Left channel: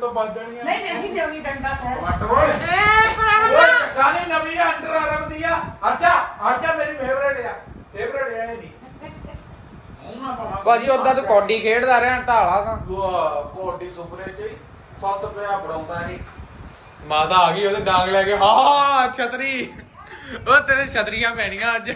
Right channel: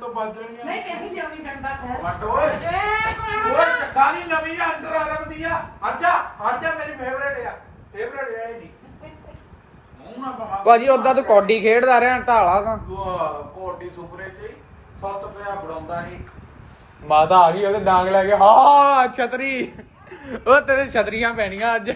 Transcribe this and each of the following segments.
ਤੋਂ ਬਚ ਜਾਣੀ ਆ ਨਹੀਂ ਨਹੀਂ ਲਿਆਉਣੀ ਡੰਡਾ। ਹੈ ਵੱਟ ਓਏ। ਏ ਗਾਣੀ ਨਵੀਂ ਆ ਅੰਡਰ ਆਰਮ ਦੀ ਆ ਅੱਜਾ ਅੱਜਾ ਮੇਰੀ ਫੇਵਰੇਟ ਆ। ਫੇਵਰੇਟ ਹੈ ਦੀ ਮੂੰਹ ਨਾ ਬਣਾ ਭਾਜੀ ਉਦਾਂ ਤਾਂ ਕੌਡੀ ਖੇਡਦਾ ਰਿਹਾ ਢਾਲਾ ਤਾਂ। ਦੁਆ ਕੋਟੀ ਸੁਪਰੇ ਚ 7 ਰੁਪਏ ਬੜਾਉਂਦਾ ਨਹੀਂ ਮਾਤਾ ਆ ਗਈ ਉਹਦੇ ਡਾਂਗ ਲੈ ਕੇ। ਹਾਂ ਛਤਰੀ। ਉਹ ਤੇਰੇ ਛਤਰੀਆਂ ਪੈਣੀਆਂ ਅੱਜ।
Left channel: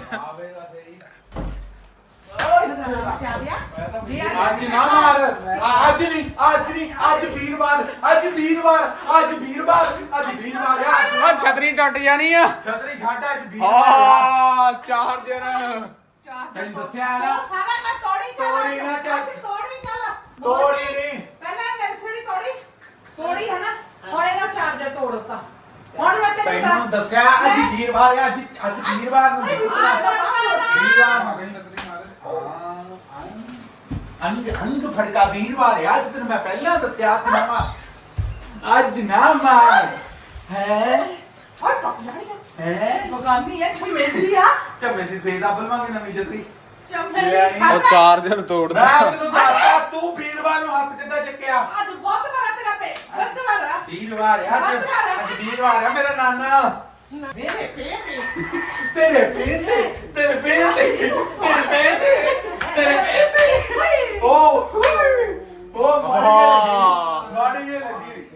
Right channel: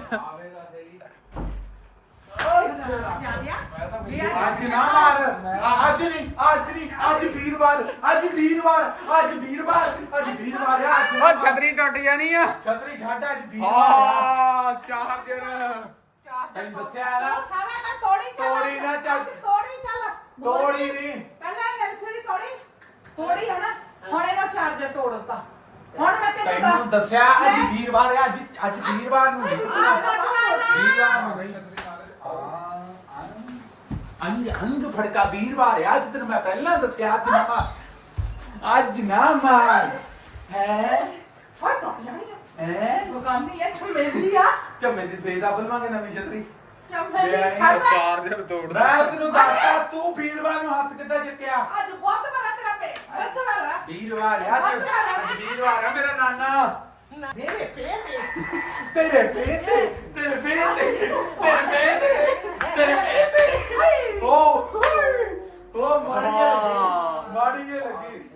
ਅੱਜ ਨਾ ਮਾਰ। ਆ- ਅੱਜ ਨਹੀਂ ਅੱਜ ਨਹੀਂ ਅੱਜ ਵੀਰਵਾਰ ਅੱਜ ਵੀਰਵਾਰ ਅੱਜ ਵੀਰਵਾਰ ਅੱਜ ਵੀਰਵਾਰ ਆ। ਅੱਜ ਛਤਰੀ ਟੁੱਟ ਜਾਣੀ ਆ। ਛਤਰੀ ਛੱਡ ਅੱਜ ਵੀਰਵਾਰ ਆ। ਹਾਂ ਚਾਰਜਰ। ਤੈਨੂੰ ਦੱਸਿਆ ਨਾ। ਤੋੜੀ ਤੋੜੀ ਨਾ ਚੱਲ। ਤੋੜੀ ਚੱਲ। ਤੋੜੀ ਨਹੀਂ ਪਹਿਲਾਂ ਨਰਸਰੀ ਤੋੜੀ ਤੋੜੀ ਹੈ ਨਾ ਹੁਣ ਇਹਦਾ ਚਾਰਜਰ ਤੋੜਤਾ ਹੁਣ ਮੈਂ ਤੈਨੂੰ ਤੈਨੂੰ ਦੱਸਿਆ ਅੱਜ ਵੀਰਵਾਰ ਆ ਅੱਜ ਅੱਜ ਵੀਰਵਾਰ ਨੂੰ ਨਹੀਂ ਵੀਰਵਾਰ ਨੂੰ ਨਹੀਂ ਅੰਗ ਅੰਗ ਫੜਕਾ ਵੀਰਵਾਰ ਆ ਅੱਜ ਤੈਨੂੰ ਮੈਂ ਪਹਿਲਾਂ ਦੱਸਿਆ ਤੇ ਨਾ ਮਾਰ ਅੱਜ ਨਾ ਮਾਰ ਹੈ? ਜਾਣੀ ਹੈ? ਮਗਾਨੀ ਇਹ ਛਮੇਲੀ ਆ। ਚੱਮੇ ਦੀ ਫੇਰ ਆਪਲ ਮੰਗੇ ਨਵੀਂ ਛਤਰੀ ਛਮੇਲੀ ਉਹ ਛੱਡ ਚਾਰਜਰ ਤੋੜਦਾ। ਮੈਂ ਤੈਨੂੰ ਦੱਸਦਾ ਤੂੰ ਵੀਰਵਾਰ ਨੂੰ ਹੱਥ ਕਿੱਦਾਂ ਚੱਕਿਆ? ਅੱਜ ਬਹੁਤ ਬੜਾ ਤੇਰਾ ਪੇ ਬਹੁਤ ਬੜਾ ਵੀਰਵਾਰ ਆ ਅੱਜ ਅੱਜ ਵੀਰਵਾਰ ਆ ਮੇਰਾ ਨਾਨਾ। ਮੇਰੇ ਪੇ ਤੇ। ਤੇਰੇ ਪੇਂਦੇ ਤੇਰੇ ਪੇਂਦੇ ਤੇਰੇ ਪੇਂਦੇ ਤੇਰੇ ਪੇਂਦੇ ਓ ਓ ਮਾੜੀ ਜਿਹੀ ਲੱਗੀ। ਲੱਗੀ।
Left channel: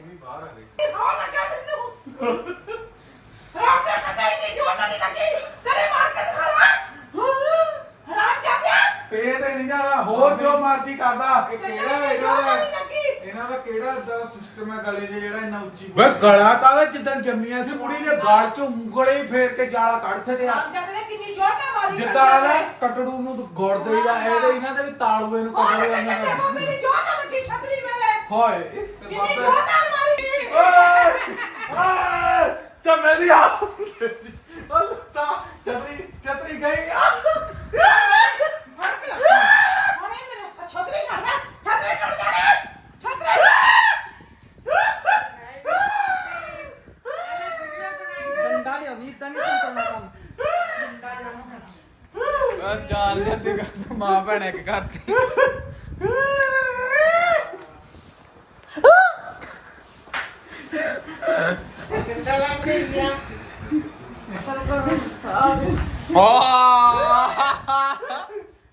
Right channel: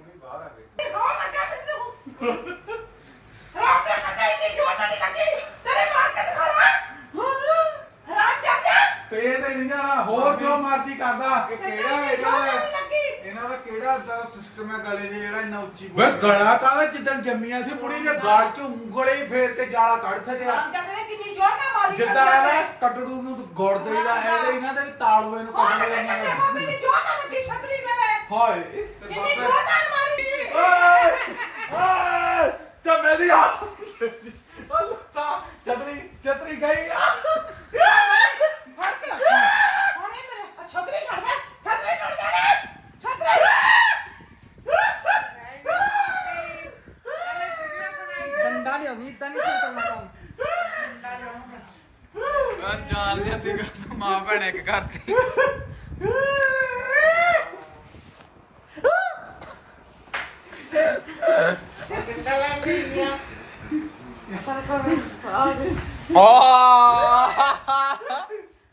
ਜਾਂਦੇ ਨਹੀਂ ਜਾਣਾ ਹੋਰ ਜੋ ਮਰਜ਼ੀ ਕਰਦਾ। ਇਹ ਕਿਹੜਾ ਇਹਨਾਂ ਦਾ ਲੱਗੀ ਇਹਨਾਂ ਦਾ ਕਿਹੜਾ ਸਿਸਟਮ ਹੈ ਗਲੇ 'ਚ ਜਿਹੜਾ ਇੰਨਾ ਉੱਚੀ ਵੇ ਗਲਾ ਕਾਲਾ ਜਿੱਦਣ ਜੰਮੀਆਂ ਸੀ ਬੁੜੀ ਨੇ ਗਾਲ ਚ ਉਂਗਲੇ ਹੀ ਫੇਰ ਕੇ ਜਾਲਾ ਕੱਢ ਛੱਡਿਆ। ਜਾਂਦੇ ਕਿੰਨੀ ਜ਼ੋਰ ਮਾਰੀ ਜਿੱਦਾਂ ਨਾ ਕਟੜੂ ਨੂੰ ਗੋੜ ਦੇਈਦਾ ਇਹਦੇ ਇਹਨਾਂ ਦੇ ਵੀ ਤਾਲਵੇ ਨੂੰ ਦੇਈਦਾ ਕਿੰਨੀ ਇਹਨਾਂ ਕਿੰਨੀ ਜ਼ੋਰ ਨਾਲ ਲੱਗੀ ਛਤਰੀ ਮੇਰੇ। ਹਾਏ। ਕਿੰਨੀ ਜ਼ੋਰ ਨਾਲ ਮਾਰੀ ਓਏ ਚਮੇ ਦੀ ਆ। ਤਾਂ ਛਤਰੀ ਛਤਰੀ ਗਈ ਫੜ ਕੇ ਰੱਖ। ਹੁਣ ਇਹ ਮੇਰੇ ਛਤਰੀ ਛੱਡ ਦੇ ਛਤਰੀ ਟੁੱਟ ਜਾਣੀ ਛਤਰੀ। ਡੰਡਾ ਲਿਆ ਵੀ ਇਦਾਂ ਨਹੀਂ ਕਰਨਾ ਕੰਮ। ਚਾਰਜਰ ਤੇ ਗੱਲ ਮਾਂ ਭੈਣ ਇੱਕ ਹਾਂ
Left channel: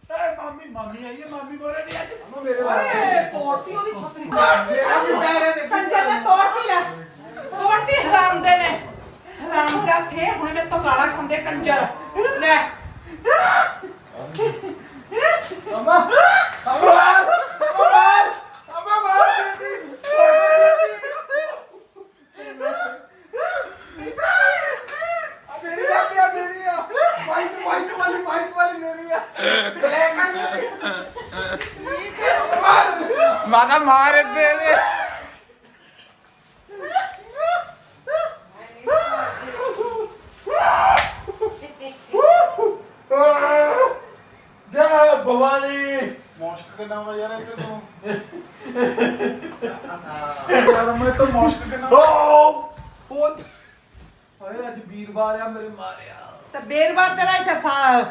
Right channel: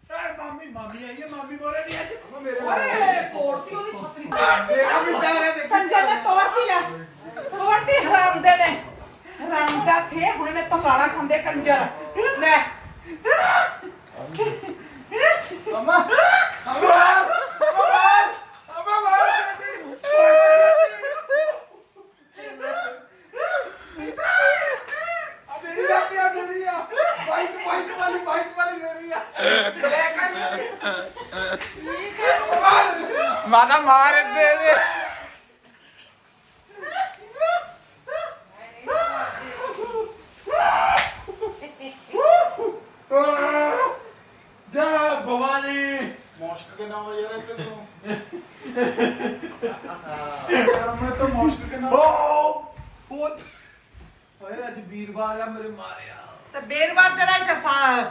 ਏ ਮਾਮੀ ਮਾਮੀ ਆਈ ਹੈ ਮਾਮੀ ਬੋਲ ਰਹੀ ਹੈ ਮੇਰੇ ਓਏ ਤੋੜਤੀ ਉਹਦੀ ਛਤਰੀ ਮੇਰਾ ਵੀ ਪੈਰ ਹੈ ਦੇਖੀ ਕੰਜੇ ਨੇ ਤੋੜਤੀ ਲੈ ਤੋੜਤੀ ਹਰਾਮ ਦੇ ਨੇ ਹਰਾਮ ਦਾ ਥੇ ਹੁਣ ਮੈਂ ਤੋਂ ਗਾਲਾਂ ਖਾਂਦੇ ਕੰਜਰ ਲੈ ਅਮਾ ਅਮਾ ਅਮਾ ਮਾਰ ਦਿੱਤੀ ਆ ਮੇਰੀ ਆ ਗਿਆ ਮੇਰੀ ਆ ਵਾਈਟ ਵਾਈਟ ਵਾਲੀ ਵਾਈਟ ਵਾਲੀ ਮੇਰੀ ਆ ਬਲੈਕ ਆ ਮਾਤਾ ਮਾਰ ਦੇ ਦੇ ਜੈ ਭਵਾਨੀ ਮੌਸ਼ਕ ਦੇ ਨਾਮ ਯਾਰ ਇੱਥੇ ਨੂੰ ਯਾਰ ਮੈਂ ਤਾਂ ਮੌਸ਼ਕ ਦੇ ਨਾਮ ਓ ਓਏ ਅੱਜ ਵੀਰਵਾਰ ਆ ਮੇਰੇ ਮਾਰਿਆ। ਤੇ ਬੇਰਵਾਰ ਤੇਰਾ ਇੱਥੇ ਸਾ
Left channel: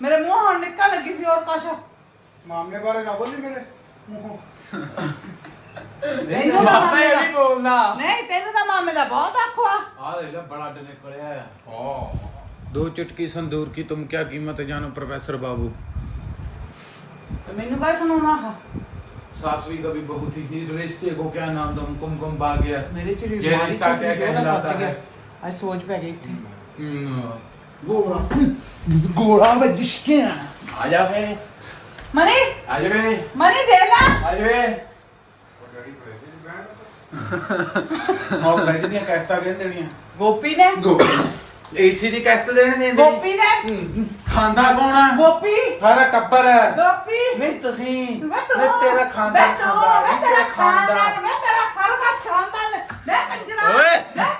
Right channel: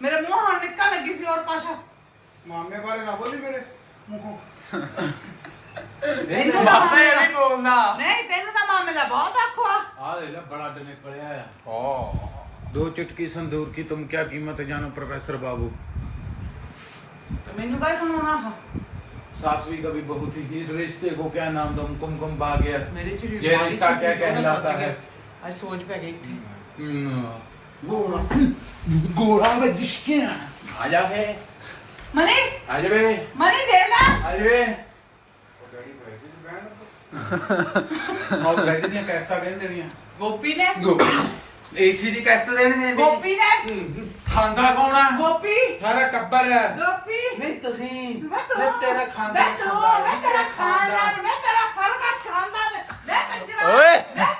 ਮੇਰੇ ਮੂੰਹ ਹੁਣ ਨਿਕਲ ਲੱਗੀ ਸੀ ਹੋਰ ਕੁਛ ਮਾਮੇ ਬਾਰੇ ਨਾ ਬੋਲੀ ਮੇਰੇ। ਮੂੰਹੋਂ ਤੈਨੂੰ ਤਾਂ ਮਾਤਾ ਇਹ ਨਹੀਂ ਬੋਲਦਾ ਨਹੀਂ ਤੈਨੂੰ ਤਾਂ ਮਾਮੇ ਦਾ ਬਹੁਤ ਆਖੋ ਆ ਆ ਦੇਖ ਲੈ ਬੜਾ ਡ ਨਿਕਲਿਆ ਆ ਓ दो चुटकी संदूर की तुम क्या कीमत है जानो प्रोफेसर बाबू ਤੇ ਮੈਨੂੰ ਕਾ ਸੁਣਾਉਣਾ सासवी कभी बहू थी इस रिश्ते को क्या नाम दो कुमकुम बाग्य ਮੇਰੇ ਚ ये रिश्ता क्या कहलाता है ਅੱਜ ਸੋਚ ਪੈ ਗਈ ਇੱਥੇ हम्म, गोरा गोरा में जिसके आ जा बे ਮਨੀ आ जा बे ਮਨੀ ਦੇ ਲੈ आ जा बे ਮੌਕ ਲੈ ਦੀਆਂ ਕੈਸਟਾਂ ਕਿਹਨ ਦੇਣੀਆਂ? ਗੋਪੀ ਨੇ? ਏਸੀ ਦੀ ਕੈਸਟ ਦੇਣ ਦੀਆਂ ਗੋਪੀ ਨੇ? ਖਾਂਦਾ ਪਾਉਣਾ ਗੋਪੀ? ਸਾਰਾ ਟੱਬਰ। ਹੈ ਗੋਪੀ? ਨਹੀਂ ਤੁਸੀਂ। ਮੈਂ ਤੂੰ- ਨਹੀਂ ਤੇਰਾ ਖਾਂਦਾ ਮੈਂ ਤੂੰ- ਖਾਂਦਾ ਨਹੀਂ ਮੈਂ ਤੇਰਾ ਤੇਰਾ ਖਾਨਦਾਨ, ਖਾਂਦਾ ਮੈਂ ਤੇਰਾ ਖਾਨਦਾਨ, ਮੈਂ ਕੰਜਰਾ ਓਏ। ਮੈਂ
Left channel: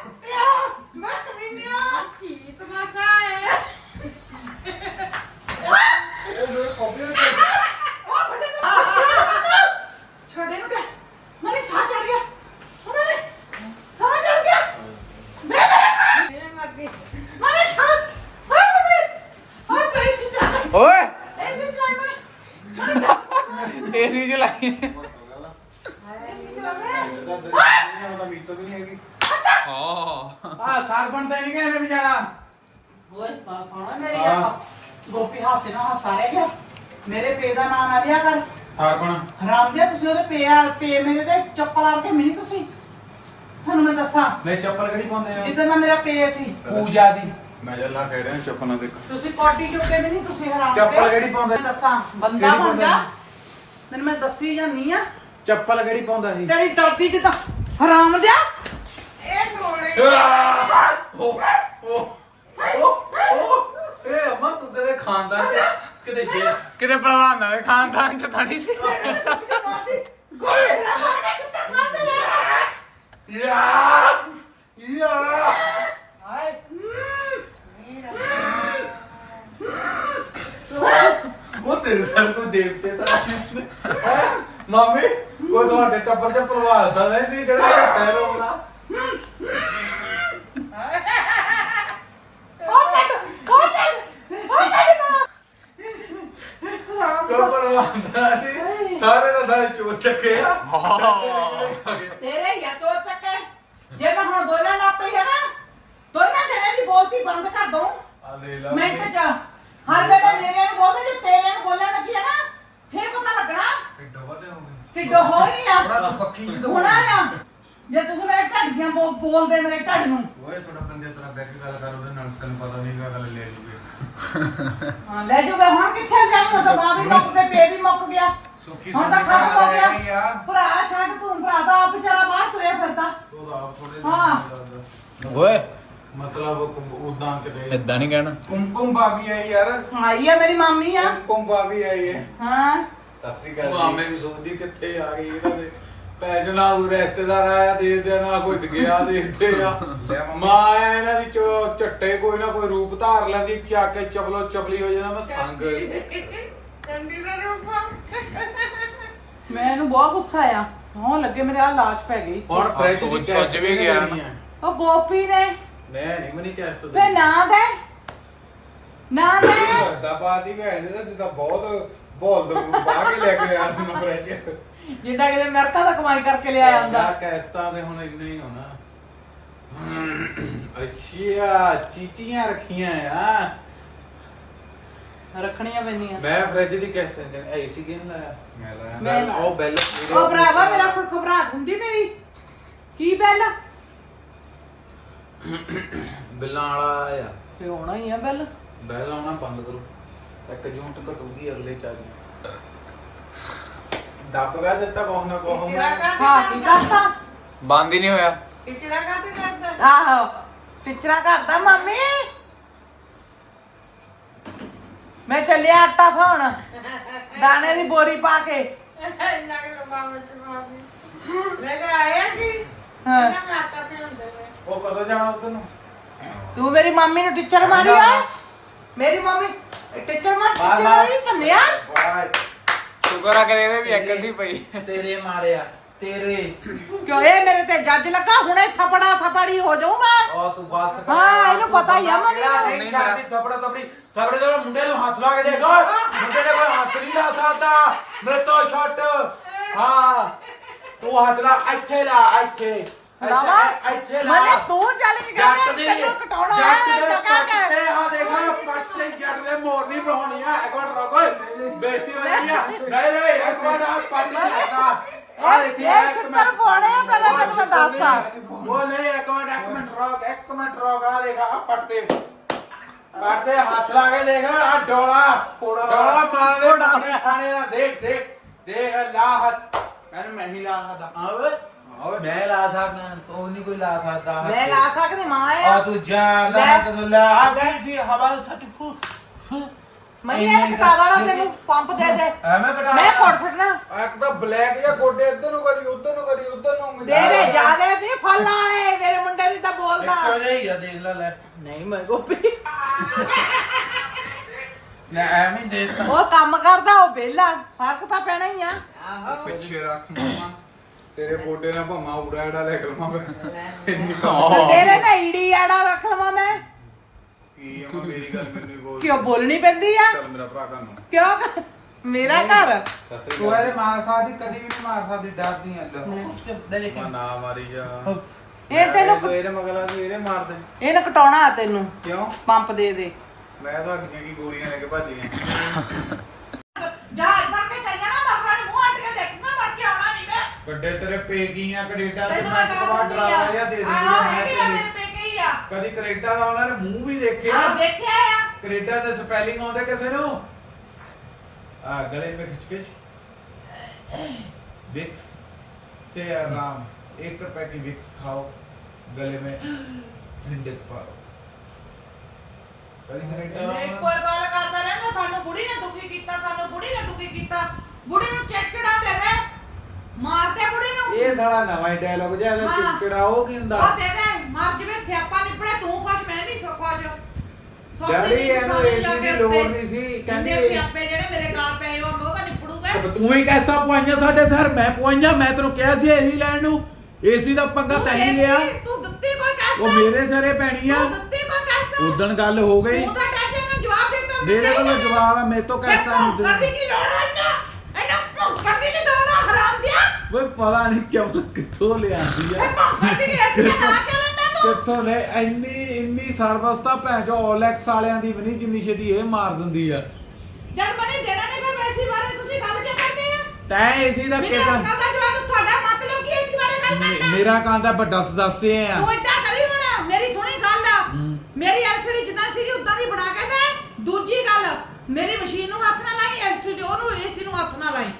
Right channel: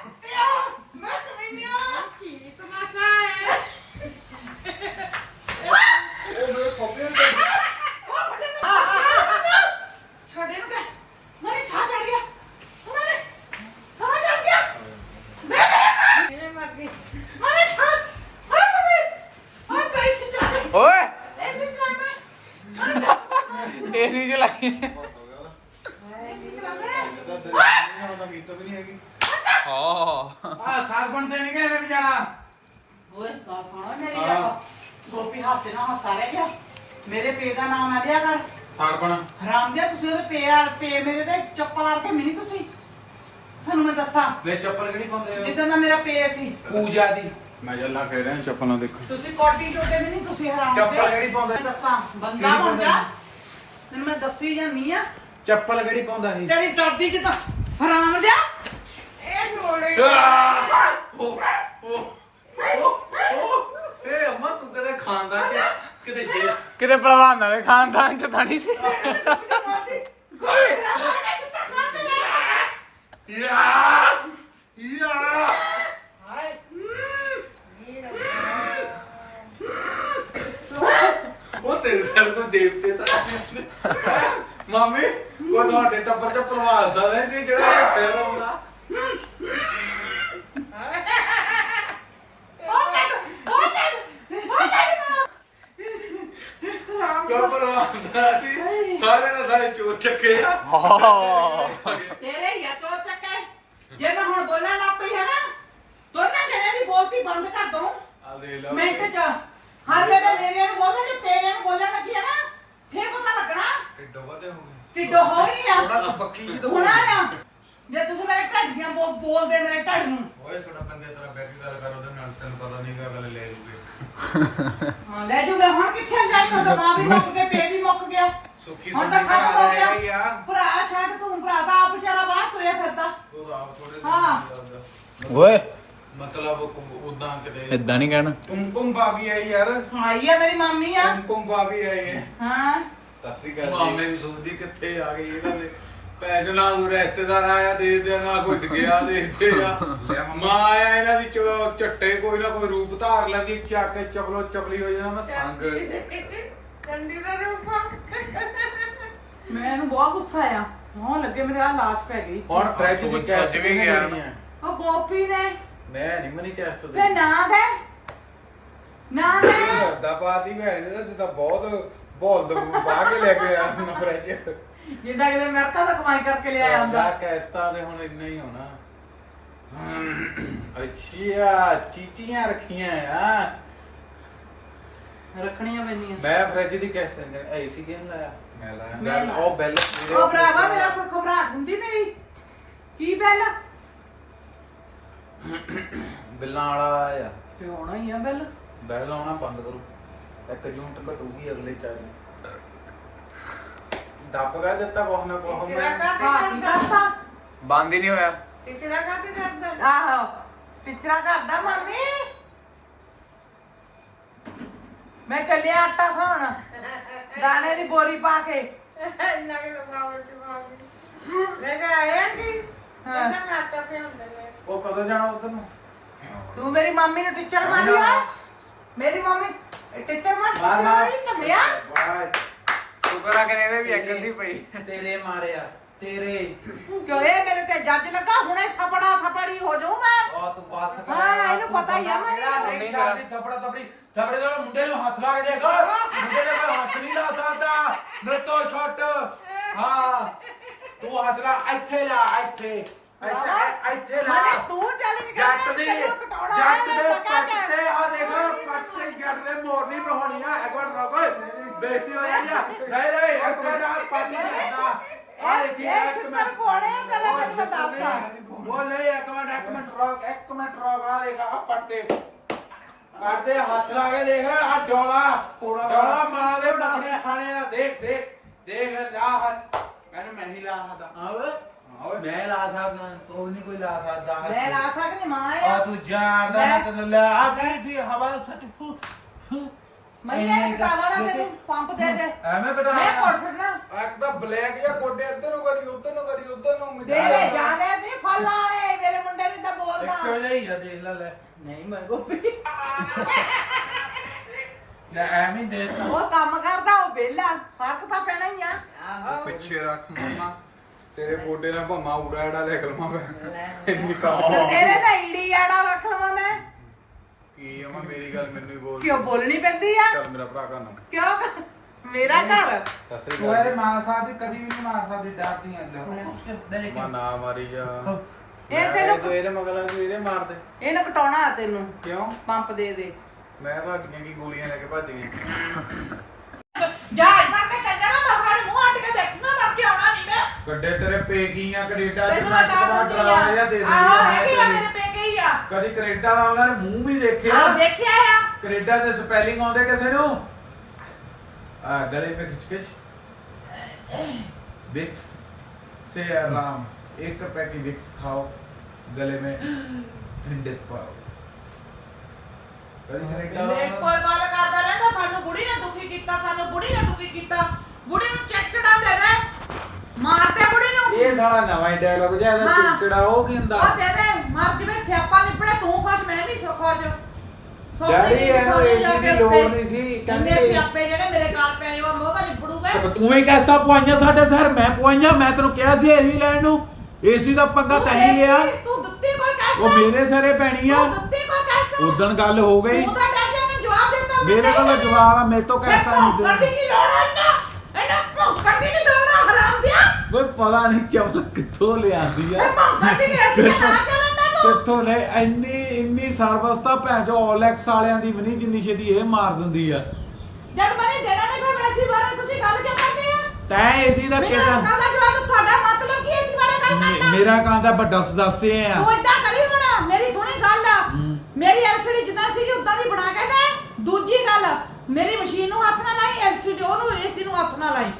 ਹਰਾਮ ਦਿਆ ਤੁਸੀਂ ਉਹਦੇ ਪੇ ਪੇ ਮੇਰੇ ਤੇ ਚੱਪਲ ਆ ਕੇ ਮਿਨੀ ਤੁਸੀਂ? ਤੁਹਾਨੂੰ ਮੈਂ ਦੱਸਾਂ। ਮੈਂ ਚੱਪਲ ਕਿਹੜੀ ਪਾਉਂਦੇ ਹੋ? ਜਿੱਦਾਂ ਦਾ ਮੇਰਾ ਪੇ ਸੀ। ਪੂਜਾ ਦੀ। ਮੈਂ ਜੱਲਾ ਕਹਿ ਰਿਹਾ ਚੁੱਪ ਨਾ ਦੇਖੋ ਤੁਸੀਂ ਪਾਰਟੀ ਜੋਗੇ ਵੀ ਨਹੀਂ ਤੁਸੀਂ ਹਰਾਮ ਦੇ। ਚੱਪਲ ਕਿਹੜੀ ਪਾਉਂਦੇ? ਮੈਂ ਦੱਸਾਂ ਬੰਦਾ ਕਿਹੜੀ ਪਾਉਂਦੇ? ਹੁੰਦਾ। ਮੈਨੂੰ ਮੈਂ ਦੱਸੀ ਜਾਂਦੀ ਆ। ਚੱਪਲ ਕਿਹੜੀ ਪਾਉਂਦਾ ਸੀ? ਤੇਰੀ ਦਾਦੀ ਜਿੱਦਾਂ ਹਰਾਮ ਦਿਆ ਇਹ ਗੋਲੇ। ਓ ਓ ਓ ਓ ਏ ਅਮਾ ਤੂੰ ਕਦੇ ਖਾਂਦਾ ਤੇ ਕਿਤੇ ਜੇ ਕਿਤੇ ਪਹਿਲਵਾਨਾਂ ਦੇ ਖਾਨਦਾਨ ਚ ਤਾਂ ਨਹੀਂ ਸੀ। ਯਾ ਯਾ ਹਾਏ ਉਹ ਤੇਰੇ ਸਰ ਕੋ ਦੇਵਤੇ ਤਾਂ ਮਾਮੀ ਉਹ ਤੁਹਾਡੇ ਟੱਬਰ ਪ੍ਰਵਾਸ ਆ ਰਹੇ ਸੀ ਜਿਹੜਾ ਸਹਿਰ ਆਉਂਦਾ। ਸਾਰੇ ਦਾ ਸਾਰੇ ਚੋਰ ਚੱਕੇ ਆ। ਤੇਰੇ ਹੀ ਆ ਤੋ ਚੱਕੇ। ਜੇ ਮੈਂ ਹੁਣ ਬੋਲਣ ਲੱਗ ਪਈ ਹੈ ਨਾ ਦੋਨਾਂ ਜਣੇ ਦੀ ਬੋਲਤੀ ਬੰਦ ਕਰ ਦਊਂ। ਆ ਦੇ ਲਾ ਮਿੰਟ ਚ ਹਰ ਵੇਲੇ ਮੇਰੇ ਨੂੰ ਬੋਲਦੇ ਜੇ ਤੇਰੇ ਨੂੰ ਬੋਲਣ ਲੱਗੀ ਹੈ ਨਾ ਫੇਰ ਪਤਾ ਲੱਗਣਾ। ਢਿੱਡੋ ਹੋ ਗਏ ਢਿੱਡੋ ਹੋ ਹੀ ਨਹੀਂ ਥੋੜਾ ਆ ਤੂੰ ਪੱਕੀ ਜੀ ਤਾਂ ਹੁਣਾ ਨਾ ਜੇ। ਤੁਸੀਂ ਮੇਰੇ ਢੱਡ ਦੀਆਂ ਬੋ- ਬੋਲਦੇ ਮੇਰੇ ਢੱਡ ਨੂੰ। ਓਏ ਥੋੜਾ ਬੰਦੇ ਤੇਰਾ ਬੈਕ ਗੱਲ ਕਰ ਉਹਦੇ ਨਾਲ ਤੈਨੂੰ ਪਤਾ ਨਹੀਂ ਗੱਲ ਲੈ ਲੂਗੇ। ਹਾਂ ਲੈ ਜੂਗਾ। ਹੁਣ ਕਿੱਥੇ ਜਾਈ ਉਹ ਤਾਂ ਮਾਂ ਵੀ ਮੁੱਕ ਗਈ ਪੇ ਵੀ ਮੁੱਕ ਗਿਆ। ਸੁੱਖੀ ਹੁਣ ਤਾਂ ਖਤਮ ਹੋ ਗਿਆ। ਭਰਾ ਛੱਡ ਤੂੰ ਭਰਾ ਦਾ ਆਪ ਵਿਚਾਰਾ ਬਾਹਰ ਤੁਰਿਆ ਫਿਰਦਾ। ਉਹ ਆਪ ਥੋੜੇ ਹਾਂ। ਓਏ। ਮਤਲਬ ਉਦਾਂ ਕਿਤੇ। ਇਦਾਂ ਨਹੀਂ ਕਹਿਣਾ। ਕੁਮਕੁਮ ਭਾਬੀ ਆਈ ਯਾਰ। ਆਈ ਆ ਮੇਰੀ ਮਾਮੀ ਆ। ਕੁਮਕੁਮ ਭਾਬੀ ਆਈ ਹੈ। ਹਾਂ। ਸਸਰੀ ਗੱਲ ਮਾਮੇ ਵੀ ਸੋਚਦੀ ਕਿੱਥੇ ਆ ਗਈ ਇਹਨਾਂ ਦੇ ਪੈਸੇ ਨਾ ਉਹ ਰਿਸ਼ਤੇਦਾਰ ਆਇਆ ਦੇ ਦੇ ਨਾ ਕੋਈ ਗਿਆ ਦੇ ਦੇ ਮੰਮੀ। ਮਾਂ ਆਇਆ ਇਹਨਾਂ ਦੀ ਚ- ਝੱਟੇ ਕੋਈ ਨਾ ਕੋਈ ਰੂਪ ਧਾਰ ਲੈਂਦੀ ਚੱਕ ਕੇ ਚਪਲੋ ਚਪਲੀ ਹੋ ਜਾਣਾ ਮੈਂ ਸੰਗ। ਚੰਦੀ ਦਾ ਰੂਪ ਮੈਨੂੰ ਬਹੁਤ ਗੁੱਸਾ ਆ ਹਾਂ ਲੱਗੇ ਮੇਰੇ ਆ ਲਾਸ਼ ਪੈ ਗਈ। ਹੁਣ ਫ੍ਰਿਜ ਸੋਚ- ਦੀ ਕੈਸਟ ਵੀ ਗਿਆ ਨਾ। ਉਹ ਗੋਪੀ ਨੇ। ਮੈਂ ਨਹੀਂ ਮਨੀ ਕੈਸਟ ਫੇ ਨਾ ਦੇ। ਨਾ ਦੇ। ਦਾ ਪਾਤੀ ਭੈਣ ਦਾ ਜਿੱਦਾਂ ਬਹੁਤ ਬੋਲ ਬਾਹ ਕੇ ਲੈ ਕੇ ਆਇਆ ਨਾ ਫ੍ਰਿਜ ਜਿੱਦਾਂ ਕਿਤੇ ਅਮਰੀਕਾ ਦਾ ਕਮਾਈ ਕਰਕੇ ਲਿਆਇਆ ਹੁੰਦਾ। ਦਾ ਕੈਸਟਾ ਦੇ ਹੁਣ ਇੰਨਾ ਹੀ ਹੋਣਾ। ਅੱਛਾ ਚੀਚੀਆਂ ਰੱਖੀਆਂ ਆ। ਰੱਖਣੀਆਂ ਪੈਂਦੀਆਂ। ਮੈਂ ਫ੍ਰਿਜ ਦੀ ਕੈਸਟ ਦੇ ਏਸੀ ਕਿਨ ਲਾਇਆ? ਮੈਂ ਲਾਇਆ। ਉਹ ਬੈਲ ਉਹ ਭਰਾਵਾ ਮੇਰਾ ਕੋਈ ਘਬਰਾਹਟ ਹੁੰਦੀ ਮੇਰੀ ਕੀ ਬੈਲ? ਬਿੱਲਾਂ ਵਾਲਾ ਆ। ਤੇ ਹੋਣਾ ਹੀ ਆ ਬੈਲ। ਬੈਲ ਆਉਣਾ ਬੰਦ ਕਰੋ। ਇੱਕ ਜੂਨ ਤੱਕ ਘਟੂਗੀ ਅਗਲੇ ਚਾਰ ਗਾ ਦਿੱਤਾ ਕੋਹ ਨਾ ਕੋਹ ਮੈਂ ਹਾਂ ਕੀ ਕਰਦਾ ਬੰਦ ਹੀ ਨਹੀਂ ਹੋਇਆ। ਆਹੋ ਟਿਚਰਾ ਕਰਦਾ ਮਾਮੀ। ਮੈਂ ਚੱਲਿਆ ਆਟਾ ਖਾਣ। ਦਾਣੇ ਦੀ ਬੋਰੀ ਪਾ ਕੇ। ਹਾਂ। ਉਹ ਕਦੋਂ ਜਾਣਾ ਉਧਰ ਨੂੰ? ਤੂੰ ਮੇਰੀ ਮੰਮੀ ਨੂੰ ਟੀਚਰ ਮਾਰੀ ਆ। ਮੇਰੀ ਮੰਮੀ ਟੀਚਰ ਮਾਰ ਟੀਚਰ ਧੰਨਿਆ। ਵਾਹ ਸ਼ੁਕਰ ਆ ਕਿ ਇਹਦੇ ਵੀ ਅਕਲ ਦੀ ਪਈ। ਤੇਰੇ ਮਾਰਿਆ ਤੇਰੇ। ਕਿਉਂ? ਇਹ ਮੇਰੇ ਤੇ ਜੱਜ ਲੱਗਾ ਹੁਣੇ ਥਪੜਾ ਥਪੜੀ ਹੋ ਜਾਊ ਮੈਂ। ਉਹ ਤੂੰ ਬਾਤ ਸਕਾ ਹਾਂ, ਇਹਨੂੰ ਪਤਾ ਹੀ ਆ ਨੂੰ। ਨਹੀਂ ਛੱਡਦੀ ਥਪੜਾ ਥਪੜੀ। ਥਪੜੇ ਦੇ ਮੁੰਡੇ ਨੂੰ ਹੱਥ ਲਾ ਕੇ ਦੇਖ। ਮੁੰਡੇ ਨੇ ਕੋਈ ਹੱਥ ਨਹੀਂ ਲਾ ਸਕਦਾ। ਮੇਰੇ ਤੋਂ ਛੱਟ ਹਾਂ। ਤੂੰ ਹੱਥ ਲਾ ਇੱਥੇ ਲਾ ਇੱਥੇ। ਇੱਥੇ ਇੱਥੇ ਲਾ। ਮਨੇ ਤੂੰ ਚੱਲ ਨਹੀਂ ਜੱਟ ਦੀ ਜੱਟ ਦੇ ਪੱਟ। ਤੇ ਆ ਦੇਖਾ ਪੱਟ ਤੇ ਜੱਟ ਦੇ ਮੋਰਨੀ ਬਣਾਉਣੀ ਆ। ਇੱਕ ਮਿੰਟ ਰੁਕ ਬੇਇੱਜ਼ਤੀ ਹੋ ਜਾਣੀ ਆ। ਨਹੀਂ ਨਹੀਂ ਇੱਕ ਮਿੰਟ ਆ ਪੱਟ ਨਹੀਂ ਲੱਗਦਾ ਆ ਦੇਖੀ ਇੱਕ ਮਿੰਟ। ਕੋਣੇ ਆ, ਪਹਿਲਾਂ ਮੈਨੂੰ ਉਹ ਦੱਸ ਤਾ। ਉਹ ਨਹੀਂ ਇੱਕ ਮਿੰਟ ਇੱਕ ਮਿੰਟ ਰੁਕ ਇੱਕ ਮਿੰਟ ਰੁਕ ਆ ਦੇਖ ਆ ਪੱਟ ਤੇ। ਤੇ ਹੱਥ ਲਾ ਕੇ ਦੇਖ ਆ ਡੋਲਾ। ਡੋਲਾ ਮਾਂ ਦੇ ਨਖਰੇ ਖਾਣੇ ਦਾ। ਦੇਖ ਦੇਖ ਦੇਖ ਲਾ ਹੱਥ। ਮੈਨੂੰ ਮੈਂ ਹੀ ਲਾ ਸਕਦਾ। ਆਵੇ ਆਵੇ ਮੈਂ ਲਾ ਸਕਦਾ ਤੂੰ ਨਹੀਂ ਕੋਈ ਲਾ ਸਕਦਾ। ਮੈਂ ਲਾ ਸਕਦੀ ਮਾਂ ਆ। ਆ ਤੂੰ ਜਾਣਦਾ ਲੈ। ਤੈਨੂੰ ਲਾ ਆ ਬੈਣ ਜੀ ਹਵਾ ਸੱਟ ਫੂ ਮਨੀ ਇਹ ਕਟਾ ਦੇਣਾ ਤੈਨੂੰ ਪੰਪ ਦੇ ਦੇ। ਐਵੇਂ ਕਟਾ ਮੈਂ ਕੋਟ ਛੱਡਣਾ। ਇੱਕ ਤਾਂ ਬਲੈਕ ਜਾਂ ਗੋਡੇ ਇੱਧਰ ਨੂੰ ਕਰੀ ਉੱਧਰ ਨੂੰ ਕਰੀ ਉੱਧਰ ਨੂੰ ਦੇ ਦੇ ਜਿਆਦੇ ਤੇ ਫੱਲਾਂ ਵਾਲੇ ਮੇਰੇ ਮੁੰਡੇ ਨੂੰ ਤਾਂ ਬੋਲਦਾ। ਇੱਕੋ ਜਿਹਾ ਹੀ ਆ ਦੇਖ ਲੈ ਲੈ। ਨਹੀਂ ਮੈਂ ਗੋਪੀ ਲੈ ਐਵੇਂ ਦੇ ਤਾ ਉਹ ਕੰਮ ਕਰਦਾ ਉਹ ਵਿਹਲਾ। ਫ਼ਰਕ ਤਾਂ ਪੈਣਾ ਹੀ ਆ। ਪਿੱਛੇ ਰੱਖ ਮਾਮਾ। ਤੇਰੇ ਗੋਡੇ ਨਾਲ ਭਾਮਾ ਉੜਾ ਐੜਾ ਲੈ ਕਲਮਾ ਮੈਂ। ਇੰਨੀ ਤੇ ਕੰਮ ਤੇਰੇ ਨਾਲ ਈੜੀ ਆੜਾ ਰੱਖ ਲਵਾਂ ਮੈਂ। ਕੀ ਆ ਮੈਂ ਮੇਰੀ ਗੱਲ ਮੈਨੂੰ ਹੀ ਬੋਲ। ਕਿਉਂ ਬੋਲਣੀ ਪੈਂਦੀ ਆ? ਚੱਲ ਮੇਰਾ ਭਰਾ ਕਰਨ ਕਿਉਂ ਮੇਰਾ ਘਰ? ਤੂੰ ਇਹਦੇ ਮਾਰ ਸਕਦੀ ਕਦੀ ਵੀ ਨਹੀਂ ਮਾਰ ਸਕਦੀ ਡਰਦੀ ਐ ਲੋ ਮੈਂ ਨਾ ਮਾਰੀ ਜਾ। ਇਹ ਤੈਨੂੰ- ਜੋ ਇਹਦੇ ਮਗਲਾ ਸੀ ਇਹਦੇ ਮਾਰ ਦੇ। ਇਹਨੂੰ ਕਟਾਉਣਾ ਆ ਤੈਨੂੰ। ਕਿਉਂ? ਪੰਪ ਦੇ ਦੇ। ਮੈਂ ਤੁਹਾਡੀਆਂ ਕੀ ਗੋਲੀਆਂ ਲੈ ਕੇ ਭੱਜ ਗਿਆ ਜਹਾਜ਼ ਬਣ ਕੇ ਚੱਲਣਾ ਬਾਬਾ ਨੂੰ ਮੂੰਹ ਅੱਟ ਕੇ ਦੇਖਣਾ ਮਰ ਕੇ ਆਉਣਾ ਨਹੀਂ ਮੈਂ ਕੱਡੇ ਤੇਰੇ ਪੇਗੀਆਂ ਕੈਨੇਡਾ ਚ ਤੈਨੂੰ ਮੈਂ ਦੱਸ ਦਾ ਦਿੰਦੀ ਆ? ਡਰਾਵਾ ਜਾਂ ਦੇ ਦਿੰਦੀ ਆਹੋ ਹੈ ਵੀ ਆ ਮੇਰੇ ਆ ਪੇਕੇ ਹੀ ਆ। ਕਦੀ ਕੈਨੇਡਾ ਦਾ ਉਹਨਾਂ ਨੇ ਮੂੰਹ ਵੀ ਦੇਖਿਆ? ਆ ਦੇਖਿਆ ਆ। ਕੈਨੇਡਾ ਦੇ ਸਪੈਲਿੰਗ ਆਉਂਦੇ ਕਿਸੇ ਨੂੰ? ਆ ਗਲੇ ਮੇ ਖਿਚਕਿਚ ਵਿਕਸ ਸੇ ਆਰਾਮ। ਇੱਕ ਰੁਪਏ ਦੀ ਵਿਕਸ ਖਾਓ ਗਲੇ ਮੇ ਠੰਡਕ ਪਾਓ। ਕਦੀ ਕੈਨੇਡਾ ਮੈਂ ਇੱਕ ਵਾਰ ਵਾਲਾ- ਗੱਲ ਕਰਦਾ ਰਹਿੰਦਾ ਸਾਨੂੰ ਬੁੜੀ ਨੇ ਦੁਖੀ ਕੀਤਾ ਸਾਨੂੰ ਬੁੜੀ ਨੇ ਦੁਖੀ ਕੀਤਾ। ਬੁੜੀ ਨੂੰ ਚਿੜਚਿੜਾ ਦੇ ਦੇ। ਮਾਰਦੇ ਬੁੜੀ ਨੂੰ। ਇਹ ਸਾਲਾ ਨਵਾਂ ਹੀ ਡਾਇਲੌਗ ਜਿਹਾ ਇਹਦਾ ਹਾਂ। ਚਿੜਚਿੜਾ ਉਹ ਕੀ ਹੁੰਦਾ? ਉਹ ਦੇ ਦੇ ਮਰ ਜਵੇ ਸਿਆਪਾ ਨਿਪੜੇ ਤੂੰ ਖੁਸ਼ ਮੈਂ ਵੀ ਸੋ ਖੁਸ਼। ਡੈਡੀ, ਦੀ ਇਹਨੂੰ ਸੋਨੀ AC ਜਾ ਕੇ ਦੀ ਲੋੜ ਉੱਤੇ। ਨਹੀਂ ਸੀ, ਕਹਿੰਦੀ- ਇੰਨੇ ਸਿਆਪੇ ਜਿਹੜੇ ਮੇਰੇ ਗਾਲ ਪਏ ਉਹ ਮੋਗਾ ਨਿਪੜੂਗਾ। ਤੇ ਤੂੰ ਹੀ ਕਹਿਤਾ ਪੁਆਈਆਂ ਸਾਡੇ ਸਰ ਮੈਂ ਪੁਆਈਆਂ ਮੈਂ ਤੈਨੂੰ ਕਿਹਾ ਸੀ ਏਸੀ ਲੈਣ ਨੂੰ। ਏਸੀ ਦਾ ਪੰਗਾ ਤੂੰ ਤਾਂ ਹੀ ਦਿੱਤੀ, ਤੂੰ ਦਿੱਤੀ ਕੋਈ ਕੈਸਟ? ਉਹ ਮੇਰੇ ਸਰੇ ਪੈਣੀ ਆ। ਤੂੰ ਦਿੱਤੀ ਕੋਈ ਕੈਸਟ? ਉਦਣ ਗੱਲ ਹੋ ਗਈ। ਤੂੰ ਤਾਂ ਟੈਂਸ਼ਨ ਨੂੰ ਜਵਾਬ ਦਿੱਤਾ ਮੇਰੇ ਕੋਲ। ਜਵਾਬ ਆ ਮੇਰੇ ਤੋਂ ਕਹਿਤਾ ਨਹੀਂ ਭੌਂਕਣ ਦੀ ਦੇ ਕੀ ਲੋੜ ਹੈ ਇੰਨਾ ਭੌਂਕਣ ਦੀ ਕੀ ਲੋੜ ਹੈ ਹਰਾਮ ਦਿਆ ਓਏ ਪਤਾ ਨਹੀਂ ਚਮਕ ਕਿੱਥੋਂ ਲਿਆਂਦੀ ਆ। ਭੌਂਕਣ ਦੀ ਐਸੀ ਨਾ ਕਿਉਂ ਲੈਂਦਾ ਤੂੰ? ਕਿੱਥੋਂ ਲੈ ਇੰਨੀ ਇੰਨੀ ਸਰਵਿਸ ਤਾਂ ਭੈਣ ਜੋ OLX ਵਾਲਿਆਂ ਦੀ ਵੀ ਨਹੀਂ ਜਿੰਨੀ ਛੇਤੀ ਇਹ ਮਾਰ ਦਿੰਦੀ ਆ। ਜਦ ਮੈਨੇ ਦੇਣਾ ਨਹੀਂ ਫਿਰ ਵੈਸੀ ਬਾਰੇ ਤੁਸੀਂ ਗੱਲ ਕਿਉਂ ਕਰਦੇ ਆ? ਤੈਂ ਏਸੀ ਦਾ ਮੈਨੂੰ ਇਸ ਕਿਹਦਾ ਗੱਲ ਦਾ ਜਵਾਬ ਤੁਹਾਡਾ ਮਤਲਬ ਕੀ ਹੈ ਇਸ ਬਾਰੇ ਗੱਲ ਕਰਨਾ? ਮੇਰਾ ਕਾਂਦਾ ਵੱਡਾ ਦੱਸੇ ਆ। ਤੂੰ ਇਦਾਂ ਕਰੀ ਹੁਣ ਮੇਰੀ ਸੁਣੀ ਗੱਲ। ਮੇਰੀ ਐਲਸੀਡੀ ਜਿੱਦਾਂ ਸੀਗੀ ਉਦਾਂ ਦੀ ਬਣਾ ਕੇ ਦੇ। ਦੂਜੀ ਗੱਲ ਮੇਰੀ ਮਸ਼ੀਨ ਨੂੰ ਹੱਥ ਨਾ ਲਾਈ ਐਲਸੀਡੀ ਉਹਨੂੰ ਏਸੀ ਨੂੰ ਹੱਥ ਨਾ ਲਾਈ।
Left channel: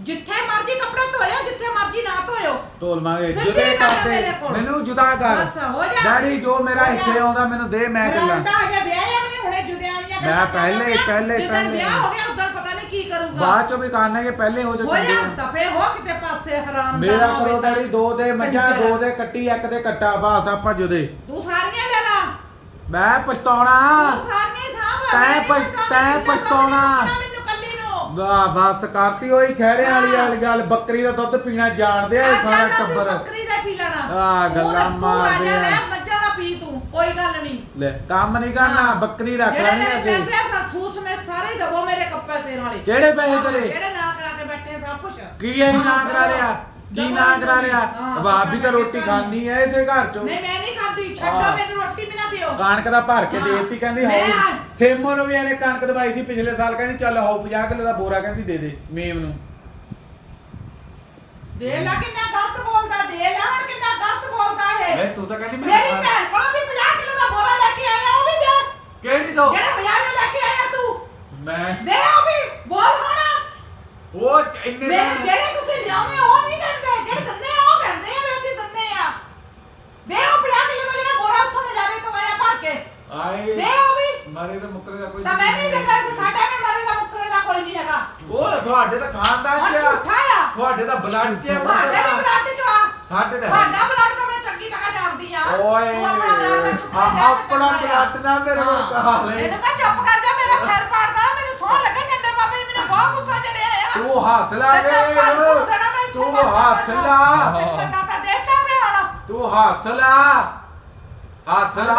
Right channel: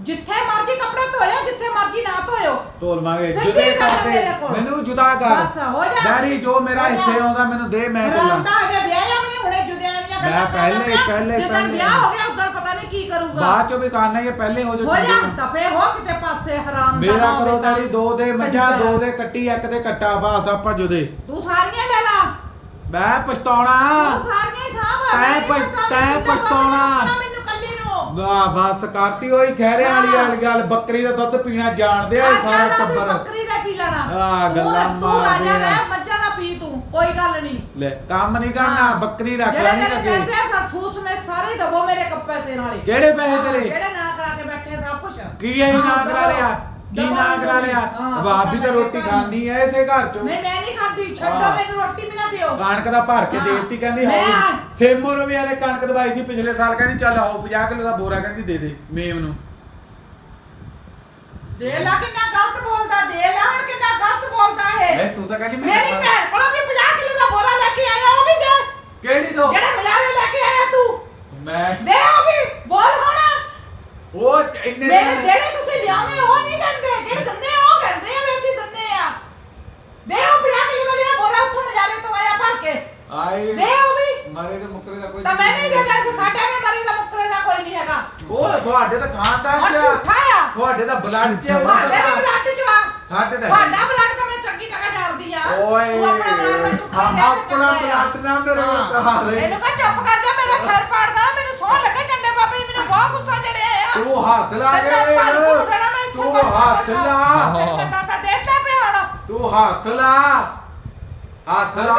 ਜਿੱਥੇ ਮਰਜ਼ੀ ਕੱਪੜੇ ਧੋਇਓ ਜਿੱਥੇ ਮਰਜ਼ੀ ਨਾ ਧੋਇਓ ਤੋਲਵਾਂਗੇ ਸਿੱਧੀ ਜੁਦੇ ਗੱਲ ਆ ਕਰਦੇ ਮੇਰੇ ਕੋਲ। ਮੈਨੂੰ ਜੁਦਾ ਕਰ ਬਸ, ਹੋ ਜਾ। ਡੈਡੀ ਜੋ ਮੇਰਾ। ਹਿੱਸੇ ਆਉਂਦਾ ਮੈਨੂੰ ਦੇ ਮੈਂ ਚੱਲਾਂ ਰੋਂਦਾ ਹਜੇ ਵਿਆਹ ਜਾਂ ਮੈਨੂੰ ਹੁਣੇ ਜੁਦਿਆਂ ਦੀਆਂ ਮੈਂ ਪਹਿਲੇ- ਪਹਿਲੇ- ਜਦੋਂ ਪਹਿਲੇ। ਵਿਆਹ ਹੋ ਗਿਆ ਉਦੋਂ ਪਤਾ ਨਹੀਂ ਕੀ ਕਰੂਗਾ ਬਾਅਦ ਚੋਂ ਵੀ ਕਰਨਾ ਇਹ ਪਹਿਲੇ ਹੋ ਜਾ ਹੋ ਜਾ ਚੰਗੇ ਤਪੇ ਹੋ ਕਿਤੇ ਪਾਸੇ ਹਰਾਮ ਦਾ ਮੇਰਾ ਨਾ ਹੋਵੇ ਕਰੋ ਤਾਂ। ਡੈਡੀ ਦੋ ਦੇ ਮੱਝਾਂ। ਦੋ ਦੇ ਕੱਟੀ ਇੱਕ ਦੇ ਕੱਟਾ ਬਸ ਆਪਾਂ ਜੁਦੇ ਤੂੰ ਸਾਰੀਆਂ ਲੈ ਲਾ ਮੈਂ ਪਛਤਾਉਣਾ ਤੂੰ ਸਾਰੀਆਂ ਹੀ ਸਾਂਭ ਤੈਂ ਨਹੀਂ ਪਛ- ਪਛਤਾਉਣਾ। ਵਾਹ ਬਸ ਕਰਤੀ ਹੋਈ ਖਹਿਰਿਆਂ ਵਾਲੀ ਹਾਂ। ਵਾਲੀ ਗੱਲ ਬੱਕਰੀ ਦਾ ਦੁੱਧ ਪੀਣਾ ਜਾਣਦੇ ਆ ਸਾਰਾ ਟੱਬਰ। ਬੱਕਰੀ ਦਾ ਕੀ ਲੈਣਾ? ਤੂੰ- ਗੱਲਾਂ ਮਾਰਦੇ ਆ। ਮੱਝਾਂ ਦਾ ਪੀ ਤੂੰ ਕੋਈ ਗੱਲ ਨਹੀਂ। ਲੈ ਕੰਮ ਨਹੀਂ ਕਰਨਾ ਹਾਂ। ਬੱਕਰੀ ਰੱਖ ਲੈਣੀ ਅੱਗੇ ਪੈਸੇ ਆ ਖੂਸ ਮੇ ਸਾਰੇ ਹੀ ਦਵੋ ਮੇਰੇ ਕੱਪੇ ਸੇ ਨਾਲੇ ਕਿਹੜੇ ਪੈਸੇ ਹਾਂ, ਤੇਰੇ ਜਿਹੜੇ ਨਾ ਕਰਾ ਕੇ ਬੈਠੇ ਆ ਸਭ ਕੁਝ ਕੀ ਐ ਨਾ ਕਰਾ ਲਿਆ? ਕੀ ਨਾ ਕਰਾ ਲਿਆ ਹਾਂ, ਬਾਪ ਵੀ ਤਾਂ ਰੋਟੀ। ਖਾਣੀ ਐ ਇਸੇ ਘਰ ਚੋਂ। ਨਹੀਂ ਮੈਂ ਨਹੀਂ ਖਾਂਦੀ। ਛੱਡੋ ਹਾਂ। ਮੈਨੂੰ ਰੋਟੀ ਵੀ ਨਾ ਦਿਓ। ਕਣਕ ਦਾ ਭਰ ਕੇ ਹਾਂ। ਦੇਤੀ ਕਹਿੰਦੀ ਮੈਂ- ਹਾਉ ਸੇਮੋ ਨੂੰ ਵੀ ਇਹਨੇ ਕਣਕ ਦਵਾਈ ਸੀ ਪਿਛਲੇ ਸਾਲ ਕਹਿੰਦੀ ਚੱਲ ਹਾਉ 50 ਕਿਲੋ ਦਾ ਬੋਰਾ ਕਹਿੰਦੀ ਦੇ ਦੇ ਮੇਮ ਨੂੰ। ਦੇ ਲਾ ਕਿੰਨਾ ਗਲਤ ਬੋਲਦਾ ਦੇ ਲਾ ਹੁਣ ਕਿੰਨਾ ਗਲਤ ਬੋਲਦਾ ਐ ਹੈ ਤੂੰ ਤਾਂ ਕਹਿੰਦੀ ਮੈਂ ਮੇਰੀ ਭੈਣ ਕੋਲ ਵੀ 50 ਕਿਲੋ ਦਾ ਬੋਰਾ ਲੈ ਕੇ ਆਇਆ ਉਹ ਵੀ ਦੇ। ਕਿਹੜੀ ਤੋਂ? ਜਿਹੜੇ ਮਜ਼ਾਰੇ ਲੈ ਕੇ ਆਇਆ ਤੂੰ। ਮੈਂ। ਦੇ ਉਹ ਵੀ ਬੋਲ ਹੁਣ। ਉਹ ਇੰਨੇ ਮੇਰੇ ਦਾ ਜਿਹੜੇ ਤੁਸੀਂ ਲਿਆਉਣੇ ਉਹ ਨਹੀਂ ਕਹਿੰਦੇ ਜਿਹੜੇ ਦਿੰਦੇ ਉਹ ਕਹਿੰਦੇ ਆ ਵੀ ਅਸੀਂ ਦਿੰਦੇ ਆ। ਦੇ ਉਹ 50 ਕਿਲੋ ਦਾ ਜਿਹੜਾ ਬੋਰਾ ਉੱਥੋਂ ਮਜ਼ਾਰੇ ਤੋਂ ਆਇਆ ਭਰ ਕੇ। ਆਏ। ਦੇ ਉਹ ਵੀ। ਮਾਰੇ ਤਾਂ ਮੁੱਕਰੇ ਦਾ ਕੋਈ ਤਾਂ ਮੈਂ ਵੀ ਦੇ ਦਾਂ ਕਿ ਸਾਡਾ ਵੀ ਮਰੇ ਦਾ ਮੁੱਕਰੇ ਦਾ ਕੋਈ ਨਹੀਂ ਹੈਗਾ। ਉਹ ਤੁਹਾਡੇ ਤਾਂ ਖਾਨਦਾਨ ਹੁਣ ਚ ਆ। ਝੂਠਾ ਆ। ਤੁਹਾਡੇ ਤਾਂ ਬਲੱਡ ਚ ਆ, ਉਹ ਤੁਹਾਡੇ ਵੀ ਤਾਂ- ਬਲੱਡ ਚ ਵਾ ਸਾਡੇ ਤਾਂ ਹੈ ਤੁਹਾਡਾ ਬਲੱਡ ਤਾਂ ਮੈਂ ਚੰਗੀ ਤਰ੍ਹਾਂ ਜਾਣਦੀ ਆ। ਓਏ ਤੂੰ ਆਪਣਾ blood ਦਾ ਝੂਠਾ ਆ- ਲੈ ਕੇ ਆਪਣਾ। ਬਲੱਡ ਨਾ ਮੇਰੇ ਕੋਲ ਕਹਾ ਲੈ ਇਹਨੂੰ ਕਹ ਚੁੱਪ ਕਰ ਜਾ ਮੇਰਾ ਸਿਰ ਪਾੜਦਾ ਮੈਨੂੰ ਸੌਂ ਲੱਗੇ ਝੰਡੇ ਬਾਬੇ ਜੀ, ਮੈਨੂੰ ਬਹੁਤ ਗੁੱਸਾ ਚੜਿਆ ਆ ਤੂੰ ਹੱਥ ਲਾ ਮੈਂ ਮੈਂ ਇੱਥੇ ਤੂੰ ਹੱਥ। ਲਾ। ਤਾਂ ਹੱਥ ਲਾ। ਹੱਥ ਲਾ।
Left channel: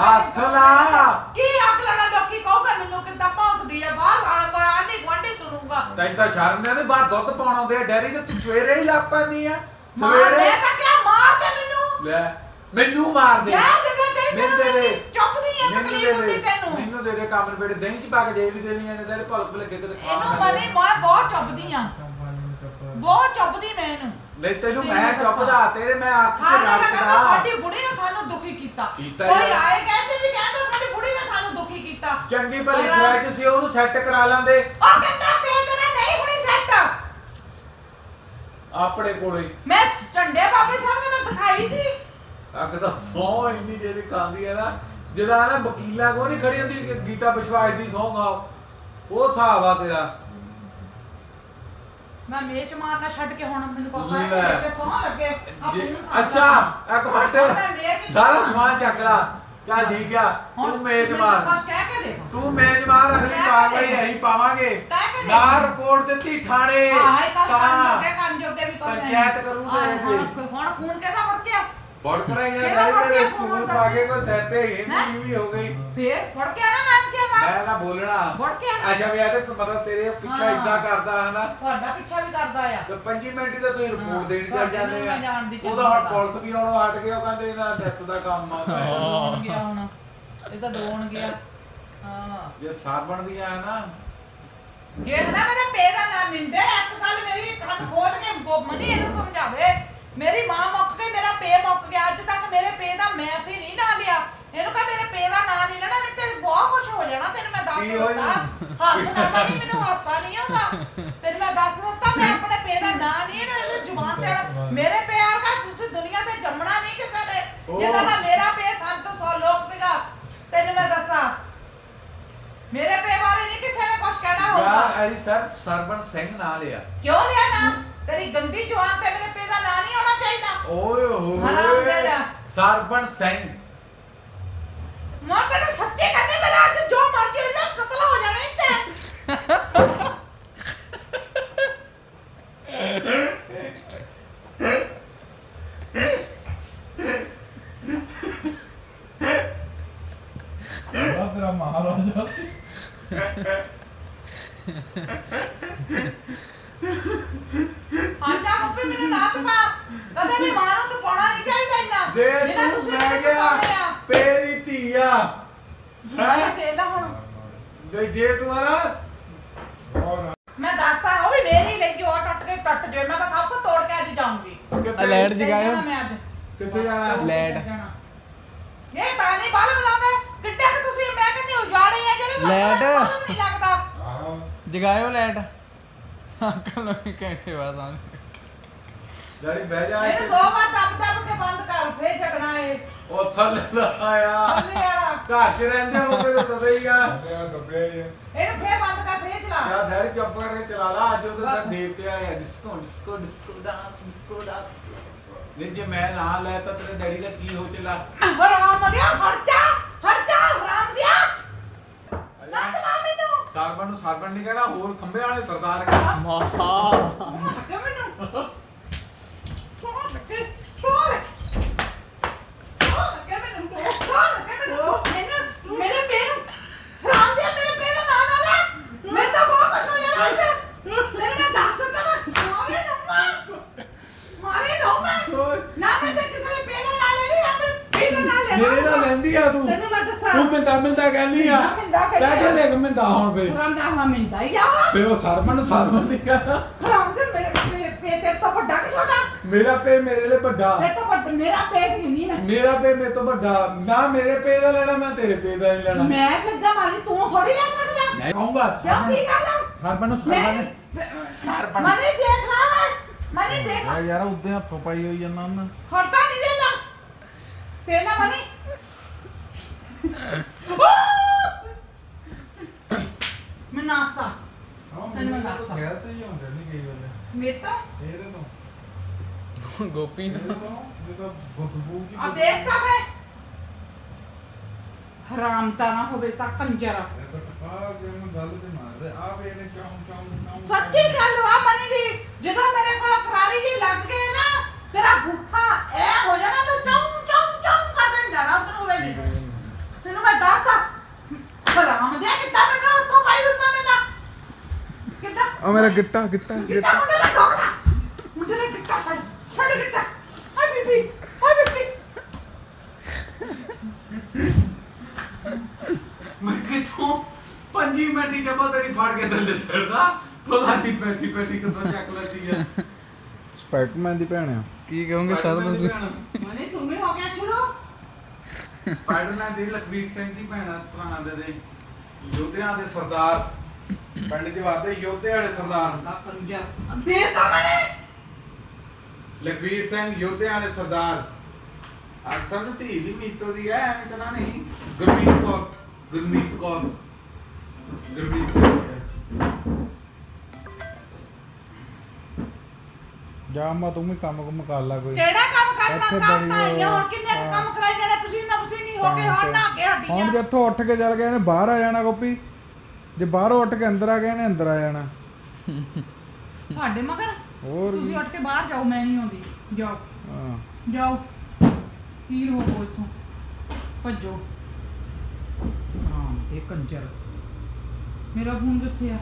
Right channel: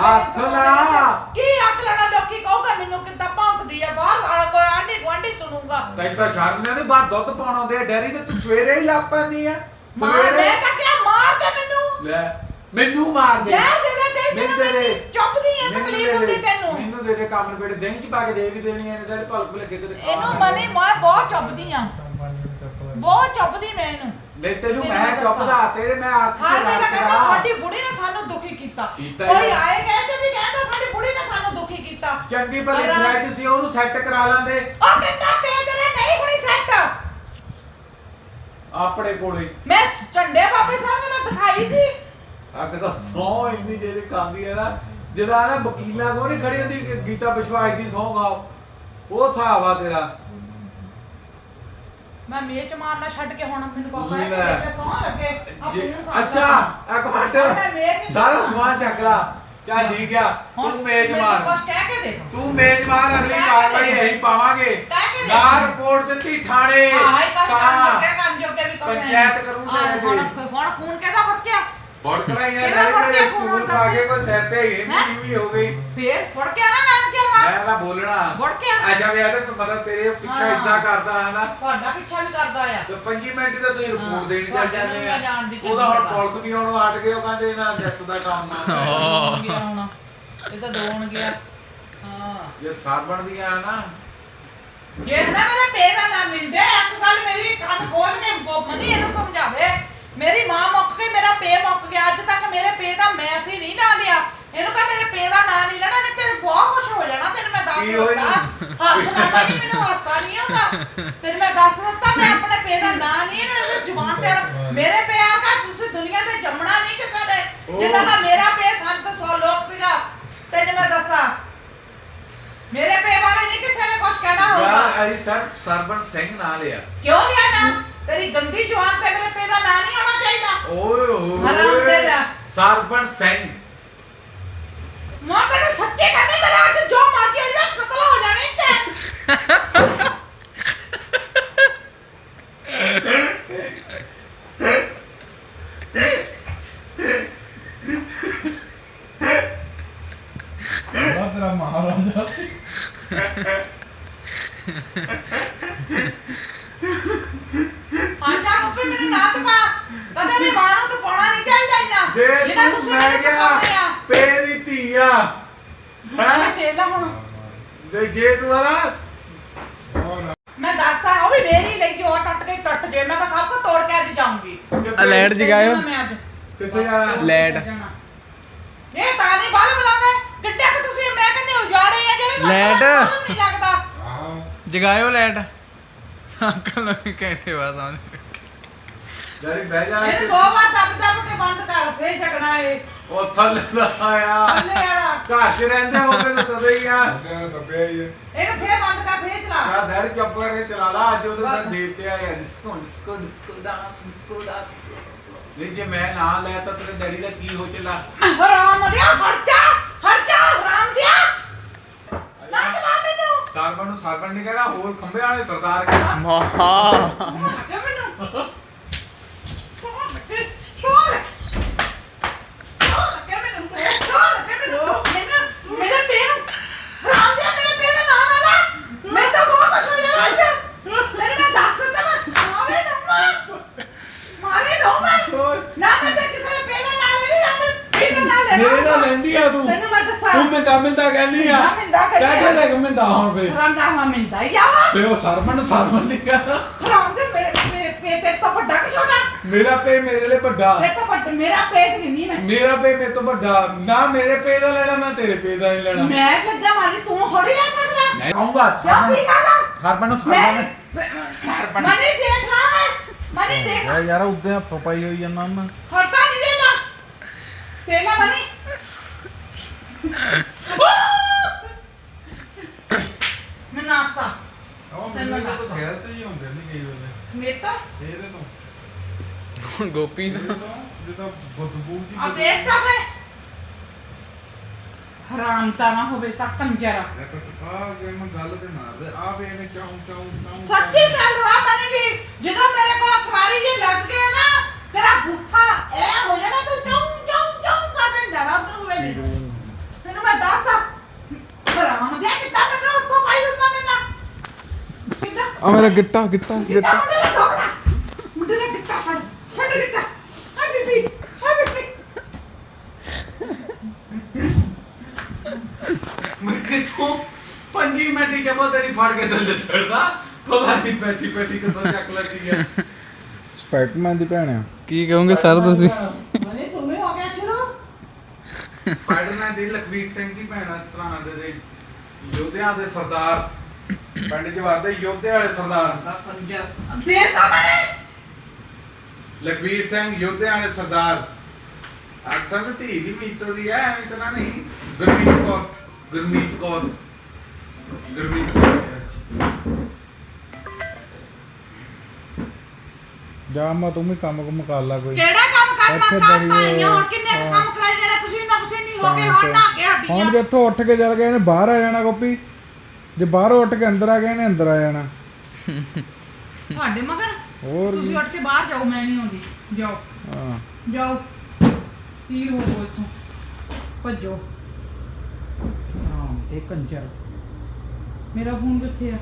ਹੱਥ ਲਾ। ਕੀ ਅੱਗ ਲੜਾ ਲੋਕੀ ਕਹੋਗੇ ਮੈਨੂੰ ਕਿੱਦਾਂ ਭੌਂਕਦੀ ਆ? ਬਾਹਰ ਆਣ ਕੋਈ ਆਂਢੀ ਗੁਆਂਢੀ ਸੁਣੂਗਾ। ਤੈਨੂੰ ਤਾਂ ਸ਼ਰਮ ਨਹੀਂ ਬਾਹਰ ਦੁੱਧ ਪਾਉਣ ਆਉਂਦੇ ਆ ਡੈਰੀ ਤੇ ਤੂੰ ਸਵੇਰੇ ਹੀ ਲੱਗ ਪੈਂਦੀ ਆ। ਸਵੇਰੇ ਦੇ ਤਾਂ ਕਿਆ ਮਾਰ ਦੇ ਮੈਨੂੰ। ਲੈ ਮੈਨੂੰ ਮਾਰ ਦੇ। ਜ਼ਹਿਰ ਦੇ ਤੇ ਮੈਨੂੰ ਦੇ ਦੇ। ਚੁੱਭਦੀ ਆ ਮੈਨੂੰ ਤਕਲੀਫ ਹੁੰਦੀ ਤੈਨੂੰ। ਮੈਨੂੰ ਦੇ ਦੇ ਕੰਮ ਨਿਬੇੜੇ ਦਹੀਂ ਚ ਪਾ ਕੇ ਦੇ ਵੀ ਦੇਣੀ ਐ ਇਹਨੇ ਤਾਂ ਭਲਕ ਭਲਕੇ ਕਿਤੇ ਖਾ ਇਹਨੂੰ ਨਾ ਮਨੇ ਮੈਂ ਬਹੁਤ ਚੁੱਭਦੀ ਆ। ਬਹੁਤ ਚੁੱਭਦੀ ਮੈਂ ਇਹਨੂੰ। ਨਹੀਂ ਤੈਨੂੰ ਮੈਂ ਦੱਸਾਂ। ਚੁੱਪਦਾ ਤੇਰੇ ਮੈਂ ਅੱਖ ਚ ਖਾਣੇ ਲੱਗਾ ਰੱਖਦਾ ਸਾਡੀ ਬੁੜੀ ਨੇ ਸਾਨੂੰ ਦੁਖੀ ਕੀਤਾ। ਕੀਤਾ ਕੋਈ। ਆਏ ਕਹਿੰਦੇ ਵੀ ਕਹਿੰਦਾ ਸਾਡੀ ਬੁੜੀ ਨੇ ਸਾਨੂੰ ਦੁਖੀ ਕੀਤਾ। ਚੰਗੀ ਭਲੀ ਔਰ- ਫਲੈਟ ਸੀ ਉਹਨੂੰ ਸੈੱਟ ਕਰਾ ਲੈਂਦੇ। ਉਹ ਕਹਿੰਦਾ ਪੇ ਤੇਰੇ ਨਹੀਂ ਹੋਣੀ ਸੈੱਟ ਆਪਣੇ ਕੋਲੇ। ਮੈਂ ਝੰਡੇ ਬਾਬੇ ਸਾਹਮਣੇ ਮੈਂ ਦਿਖਾਈ ਸੀ। ਅੱਗ ਤਾਂ ਸੌ ਇੰਨੀ ਜਿਹੜੀ ਖਾਂਦੀ ਹੈ ਨਾ ਜਿਹਦਾ ਨਾ ਵਕੀਲਾਂ ਕੋ ਨਹੀਂ ਖੜੀ ਹੁੰਦੀ ਕਿ ਗੀਤਾ ਵਿਸ਼ਵਾਸ ਦੀ ਸੌ ਖਾਓ। ਉਹ ਹਿਸਾਬ ਆ ਤੇਰਾ। ਮੈਂ ਮੇਚ ਮਾਰਨਾ ਛੱਡ ਕੇ ਹੁਣ ਮੈਨੂੰ ਕੋਲ ਲੈ। ਆਇਆ ਕਿ ਸੌਂ ਲੱਗੇ। ਆਹ ਜੇ- ਮੈਨੂੰ ਸਾਹ ਅੱਛਾ ਲੱਗਾ। ਇੱਕ ਮੈਂ ਮੇਚ ਮਿੰਟ ਸਾਰਾ ਸਮਾਨ ਚੱਕ ਲਾ। ਚੱਲ ਠੀਕ ਆ ਹੁਣ ਤੂੰ ਮੇਜ ਮੈਨੂੰ ਮਾਰ। ਕੁਛ ਕਹਿ ਕੇ ਦੇ। ਤੂੰ ਮੇਜ ਮਾਰ ਅਗਲੀ ਕਹਿ ਕੇ ਕਾਰਵਾਈ ਦੇ। ਇਹੀ ਪਾਵਾਂਗੇ। ਕਹਿ ਕੇ ਦੇ। ਨਾ ਰਿਪੋਰਟ ਦਿੱਤੀ ਥਾਣੇ ਤਾਂ ਜੋਗੇ ਵੀ ਪੰਚਾਇਤ ਕਰੂ ਤੇ ਹਾਂ, ਕੋਈ। ਹੁਣ ਹੁਣ ਖੂਨ ਕਿਹਦਾ ਫੜਕਿਆ ਬੜਕੜਾਈਆਂ ਕਿਹੜਾ ਪੜ੍ਹ ਮੇਰੇ ਕੇ ਸਕੂਲ ਪਾ ਕੇ? ਕੋਈ ਸਿਰ ਤੇ ਹੀ ਵੀ ਹੋ ਗਈ। ਫੇਰ ਫੜ ਕੇ ਨਾ ਨਾਮ ਕੀ ਮੈਂ ਤਾਂ ਬੋਲਣਾ। ਮੁੜ ਕੇ ਆ। ਅੱਛਾ ਵੀ ਤੇ ਮਤਲਬ ਤੇਰੇ ਪਿੱਛਾ ਹਾਂ। ਇਦਾਂ ਕਰਦਾ ਹੈ ਨਾ। ਤੁਹਾਡਾ ਪਿੱਛਾ ਵੀ ਕਰਦਾ ਆ। ਤੇ 5 ਮਿੰਟ ਦਾ ਤੁਸੀਂ ਰਿਪੋਰਟ ਦੇਣ ਚੱਲ ਤੁਹਾਡੇ ਜਾਂਦੇ ਨੂੰ ਆ। ਮੈਂ ਜਾਣਦੀ ਚੰਗੀ ਉਹਦਾ ਹੁਣ ਤਰ੍ਹਾਂ। ਪੁਲਿਸ ਵੀ ਹੁਣ ਹਟ ਗਏ ਉਹ ਕਹਿੰਦੇ ਇਹਨਾਂ ਡੈਥ ਦਾ ਕੰਮ ਆ। ਦੋਣ ਗਿਆ ਹੁਣ। ਇਹ ਤਾਂ ਦੋਣ ਗਿਆ ਹਾਂ। ਜੇ ਸਾਬਣ ਦੀਆਂ ਆ ਨਾ। ਜੇ ਨਾ ਮੇਰਾ ਪੇਰਾ ਨਾ ਮਿਲਦੇ ਇੱਕ ਗੱਲ ਮੇਰੀ ਕੰਨ ਖੋਲ ਕੇ ਗੋਪਨੀ ਇਹਨੂੰ ਸਮਝਾਵੇ। ਮੇਰੀ ਮਾਂ ਮੁੱਕ ਗਈ ਮੇਰਾ ਪੇ ਮੁੱਕ ਗਿਆ ਅੱਜ ਤੱਕ ਮੇਰੇ ਪੇ ਦਾ ਮੈਸੇਜ ਨਹੀਂ ਨਾ ਲਿਆ। ਇਹਨੂੰ ਕਹ ਮੇਰੇ ਪੇ ਦਾ ਨਾਂ ਨਹੀਂ ਲੈਣਾ ਨਹੀਂ ਤੇ ਬਹੁਤ ਖੁਸ਼ ਹੋ ਜਾਣਾ ਤੈਨੂੰ ਮੈਂ ਦੱਸ ਕੀ ਹੋਈ? ਦਿੱਤਾ। ਹੱਸਣਾ ਨਹੀਂ ਮੈਨੂੰ ਹਾਸਾ ਨਹੀਂ ਆਉਂਦਾ। ਤੈਨੂੰ ਮੈਂ ਦੱਸ ਦਿੱਤਾ ਮੈਂ ਆਪਣੇ ਪੇ ਦਾ ਨਾਂ ਨਹੀਂ ਇਹਨੂੰ ਜ਼ੁਬਾਨ ਤੇ ਮੇਰੇ ਪੇ ਆਗਾ ਤੁਸੀਂ ਦੁਨੀਆ ਤੇ ਜੰਮਣਾ ਨਹੀਂ ਕਿਸੇ ਨੇ। ਜਿੱਦਾਂ ਦਾ ਮੇਰਾ ਪੇ ਸੰਤ ਸੌ ਲੋਕ ਸੀਗਾ ਤੈਨੂੰ ਮੈਂ ਦੱਸਾਂ। ਮੇਰੇ ਪੇ ਬਾਰੇ ਨਹੀਂ ਕਿਸੇ ਨੇ ਕੁਝ ਕਹਿਣਾ ਹੋਊਗਾ। ਅਸੀਂ ਸਰ ਸਰਬਨ ਸਿੰਘ ਨਾਂ ਲਿਆ। ਕਿਉਂ ਲਿਆ ਨਾ? ਤੇਰੀ ਗੰਦੀ ਜਵਾਨ ਤੇ ਮੇਰੇ ਪੇ ਦਾ ਨਾਂ ਨਹੀਂ ਹੋਣਾ ਚਾਹੀਦਾ। ਓਏ ਹੋਏ। ਸਰਬਨ ਸਿੰਘ। ਮਾਂ ਤੈਨੂੰ ਸੱਚੇ ਕਹਿੰਦੀ ਮੇਰੇ ਅੱਜ ਜੋ ਮਰਜ਼ੀ ਹੋ ਜਾਏ ਕਤਲ ਹੋ ਜਾਣੇ ਤੇ ਬੜਾ ਤੇਰਾ ਮਹਾਰਾਜਾ ਸੀ ਆਜਾ ਮੁੱਕੇ ਮੈਨੂੰ ਨਾ ਤੇ ਪਾ ਕਦੇ ਵੀ ਮਾਂ ਨੂੰ ਤੂੰ ਪਾਉਣਾ ਨਹੀਂ ਚਾਹੀਦਾ ਇੰਨਾ ਜੇ ਜਿੰਨਾ ਤੂੰ ਤੁਸੀਂ ਮੈਂ ਮੈਨੂੰ ਗਿਆ ਪਾਉਂਦੇ ਆ। ਤੇਰੀ ਧੀ ਆ ਮੈਂ ਹੈਂ? ਦੇ ਲਾ ਹੁਣ ਤੇ ਜੇ ਤੂੰ ਆ ਮੈਂ ਦੱਸਦਾ ਉਹ ਵੀ ਮੇਰੀ ਲਈ ਜੋ ਟੁੱਟ ਕੇ ਟੁੱਟ ਜੇ ਮੈਂ ਤਾਂ ਸਭ ਤੋਂ ਤੋੜ ਕੇ ਅੱਜ ਜਾਊਂਗੀ ਕਿੱਥੇ- ਲੈਟ ਜਗਾਇਓ। ਮੈਂ ਅੱਜ ਕਿੱਥੇ ਜਾਣਾ? ਲੈਟ। ਇਹ ਤਾਂ ਨਹੀਂ ਬਾਲ ਬੁਲਾਵੇ ਕਿੱਡੇ ਕਿ ਤੁਸੀਂ ਮੈਂ ਕਹਿੰਦੀ ਉਜਾੜੇ ਆ ਜਿਹੜੇ ਲੈਟ। ਨਹੀਂ ਲੱਗਦਾ। ਜਗਾਇਓ ਲੈਟ। ਅੰਕਲ ਨੂੰ ਵੀ ਕਹਿੰਦੇ ਬਾਤ ਆਉਣੀ। ਡੈਡੀ ਬਹਿ ਜਾ ਇਹਨੂੰ ਦੋ ਵਾਰ ਦੱਬ ਦੱਬ ਕੇ ਬੰਦ ਕਰ ਫੇਰ ਝਗਣਾ ਏ ਉਹ ਥੱਲੇ ਵਾਲਾ। ਘਰ 'ਚ ਰਹਿੰਦੇ ਹੋਗੇ ਤਾਂ ਤਦੇ ਹੀ ਆ। ਤੇਰਾ ਦੱਬਿਆ ਹੀ ਹੈ ਇਹਨੂੰ ਫੇਰ ਬੰਦ ਕਰ ਫੇਰ ਚਲਾ। ਕਾ ਧੜ ਚੁੱਪ ਕਰਕੇ ਚਲਾ ਲਾ ਅੱਜ ਉਹਦੇ ਤਾਂ ਦੇਵਤੇ ਆਏ ਆ disco disco disco dance disco dance. ਨਹੀਂ ਜੇ ਮੈਂ ਨਾ ਲੈ ਤਾਂ ਤੇਰੇ ਡੈਡੀ ਦਾ ਕੀ ਹੋ ਚਲਾ। ਹਰਾਮ ਦਿਆ ਹਰਜਾ ਹਰਜਾ ਹਰਾਮ ਦਿਆ। ਲੱਤ ਮਾਰ ਮੈਨੂੰ। ਸਰਬਨ ਨੂੰ ਸਰਬਨ ਨਹੀਂ ਕਹਿਣਾ ਹੋਰ ਖੰਬੇ ਵਾਲੇ ਸਰਦਾਰ ਕਹਿਣਾ। ਮਹਾ ਲੱਗੇ ਮੈਨੂੰ ਸੋਹ ਲੱਗੇ ਸੋਹ ਲੱਗੇ ਸੋਹ ਲੱਗੇ ਮੈਨੂੰ ਸੋਹ ਲੱਗੇ ਮੈਨੂੰ ਮੈਨੂੰ ਮੇਰੇ ਪੈਰ ਹਰਾਮ ਦਿਆ ਮੇਰੇ ਪੈਰ ਦਾ ਨਾਂ ਨਾ ਲੈ ਮੈਂ ਤਾਂ ਬਹੁਤ ਖੁਸ਼ ਹੋ ਜਾਣਾ ਅੱਜ ਤੇਰੇ ਮੈਂ ਦੱਸ ਦਿੱਤਾ ਮੈਂ ਮਾਰੇ ਦਊਂਗਾ ਮਾਰੇ ਦਊਂਗਾ ਨਾ ਮੈਂ ਤੇ ਕਿਸੇ ਦੇ ਪੈਰ ਦਾ ਨਾਂ ਲੈ ਨਾ ਮੈਂ ਪੈਰ ਦਾ ਨਾਂ ਲੈਣਾ ਮੇਰੇ ਨਾਲ ਲੈਂਦੀ ਆ ਤੂੰ ਤੈਨੂੰ ਮੈਂ ਦੱਸਾਂ ਤੂੰ ਮਿੰਦਾ ਮਿੰਦਾ ਕਹਿੰਦੀ ਆ ਮਿੰਦਾ ਮਿੰਦਾ ਕਹਿੰਦੀ ਆ। ਕਹਿ ਕੇ ਦੇਖ ਮਿੰਦਾ ਹੁਣ ਫੇ ਹਰਾਮ ਦਾ ਹਵਾ ਫੇ ਉਹ ਨੂੰ ਸਰਬਨ ਨਹੀਂ ਕਹਿਣਾ ਹਰਾਮ ਦੇ ਮੇਰੇ ਮੇਰੇ ਪੇਟ ਤੇ ਤੋਂ ਵੱਡਾ ਕਿ ਛੋਟਾ? ਮੇਰਾ ਪੇ ਮੇਰੇ ਲਈ ਵੱਡਾ। ਤੇ ਤੋਂ ਵੱਡਾ ਮੇਰਾ ਪੇਟ ਨਹੀਂ ਮੈਂ। ਮੇਰਾ ਪੇ ਮੇਰੇ ਤੋਂ ਵੱਡਾ। ਨਾ ਮੇਰੇ ਪੇ ਦਾ ਲੈਣਾ ਮੈਂ ਤੇਰੇ ਪੇ ਦਾ ਨਹੀਂ ਲੈਣਾ। ਮੈਂ ਲੱਗਾ ਮਾਰੀ ਤੂੰ ਥੋੜੀ ਲੈ ਸਕਦਾ। ਨਹੀਂ ਆਉਂਗਾ ਕਿਉਂ ਕੀ ਗੱਲ ਆ? ਸਰਬਨ ਨੂੰ ਮੈਂ ਸਰਬਨ ਮਨੀ ਦੇਖ ਲਾ ਮਨੀ ਦੇਖ ਯਾਰ ਯਾਰ ਉੱਤੇ ਹੱਥੋਂ ਪਾਈ ਹੋਈ ਜਾਂਦਾ ਮੈਂ ਹਟਾ ਨਹੀਂ ਦੇਲਾ ਤੇਲਾ ਮਨੀ। ਮੈਂ ਨਾਸਤਾ। ਮੈਂ ਤੇ ਹੀ ਹੁੰਦੇ ਕਈ ਵੇਲੇ ਇਹਦੇ ਗੋਪੀ ਦਾ? ਜਿਹਦਾ ਬਦਬੂ ਜੀ ਆ ਦੇਖਦਾ ਫੇ। ਹਰਾਮ ਤਾਂ ਨਾ ਹੋਵੇ ਤਾਂ ਕੰਜਰ। ਆ ਜੇ ਮੈਂ ਗੱਲ ਤੇ ਮਾਰਦੇ ਆ ਵੀ ਇਹਨੇ ਚਾਉਂ ਚਾਉਂ ਚਾਉਂ ਸੱਚੀ ਗੱਲ ਵਾ ਬਣੀ ਦੀ ਜਦੋਂ ਮੇਰੇ ਕੋਲ ਖਰਾਰੀ ਜੇ ਲੱਗ ਗਿਆ ਨਾ ਤੇਰਾ ਬੁੱਥਾ ਐ ਹੋ ਜਾਣਾ ਤੂੰ ਚੌਂ ਚੌਂ ਚੌਂ ਕਰਨ ਜਾਣਾ ਤੂੰ ਵੇ ਤੈਨੂੰ ਮੈਂ ਦੱਸਦਾ ਹਰਾਮ ਦੇ ਕਿੱਦਾਂ ਮੈਨੂੰ ਉੱਤੋਂ ਪਾਈ ਹੁੰਦਾ ਮੈਨੂੰ ਕਿੱਦਾਂ ਆ ਮੇਰਾ ਗਿੱਟਾ ਗਿੱਟਾ ਮੁੰਡੇ ਦਾ ਗਿੱਟਾ ਫੜ ਫੜ ਗਿੱਟਾ। ਹਾਏ ਬੀਬੀ ਹਾਏ ਬੀਬੀ। ਮੈਂ ਕਿਥੋਂ 5 ਮਿੰਟ ਹੀ ਜਮਾ ਤੇਰੀ ਫੜ ਕੇ ਥੱਲੇ ਸੜਦਾ ਪਤਾ ਨਹੀਂ ਪੈਟੀ ਪੈਟੀ ਕਿੱਥੋਂ ਚੱਕ ਲੱਗੀ ਹੈ। ਸਪਾਈਡਰਮੈਨ ਦੀ ਭੈਣ ਆ। ਕੀ ਕਹੋਗੇ ਸਰ ਤੁਸੀਂ? ਮਨੇ ਤੂੰ ਵੀ ਹੋ ਗਿਆ ਸ਼ੁਰੂ ਸਪਾਈਡਰਮੈਨ ਦੀ ਲਖਵੀਰ ਸਿੰਘ ਦੀ ਭੈਣ ਸਰਾਣਾ ਦੇ ਦੇ। ਯੋਧਿਆਂ ਦੇ ਸਰਦਾਰ। ਪਿੰਡ ਜਵਾਦੇ ਯੋਧੇ ਵਾਲੇ ਸਰਦਾਰ। ਨਾ ਪੰਜਰ ਦੇ ਤਾ ਮਨੇ ਲਖਵੀਰ ਸਿੰਘ ਯੋਧਿਆਂ ਵਾਲੇ ਸਰਦਾਰ। ਅਕਸਰ ਤੇ ਧੀ ਦੀ ਮੀਤੋ ਦੀ ਐ ਐਵੇਂ ਤਾਂ ਨਹੀਂ। ਗੁਰਮੀਤ ਕੌਰ ਗੁਰਮੀਤ ਕੌਰ। ਗੁਰਮੀਤ ਕੌਰ। ਜਾ ਮੈਂ ਤੂੰ ਵੀ ਕੰਮ ਕੁਮ ਕਰ ਲਾ ਕੋਈ। ਕਿਹੜਾ ਕੰਮ ਇੱਥੇ ਕਰਨਾ ਬੜੀ ਕਿੰਨੇ ਕੁ ਕੰਮ ਕਰਾਈ ਜਿਹੜੇ ਪਸੀਨਾ ਪਸੀਨੀ ਹੋ ਕੇ ਹੁਣ ਨਾ ਕੇ ਹੁਣ ਹੱਡੀਆਂ ਜੇ ਇੱਥੋਂ ਉੱਠ ਕੇ ਚੱਲ ਗਏ ਨੇ ਬਾਹਰ ਆ ਜਾਣਾ ਗੋਪੀ। ਜੇ ਬਾਹਰੋਂ ਉੱਠ ਕੇ ਅੰਦਰ ਆ ਗਏ ਨੇ ਅੰਦਰ ਆ ਜਾਣਾ। ਤੁਹਾਡੇ ਮਗਰ? ਹੋਰ ਤੁਸੀਂ ਉੱਠ ਕੇ ਬਾਹਰ ਜਾਓ ਮੈਂ ਨਹੀਂ ਆਉਂਦੀ। ਜਾਓ। ਹਾਂ। ਜਾਓ। ਤੀਰ ਹੋ ਇੱਥੋਂ ਭੱਜੋ। ਹਾਂ ਇਹ ਕੰਜਰ। ਮੇਰਾ ਫੋਨ ਕਿੱਥੇ ਆ?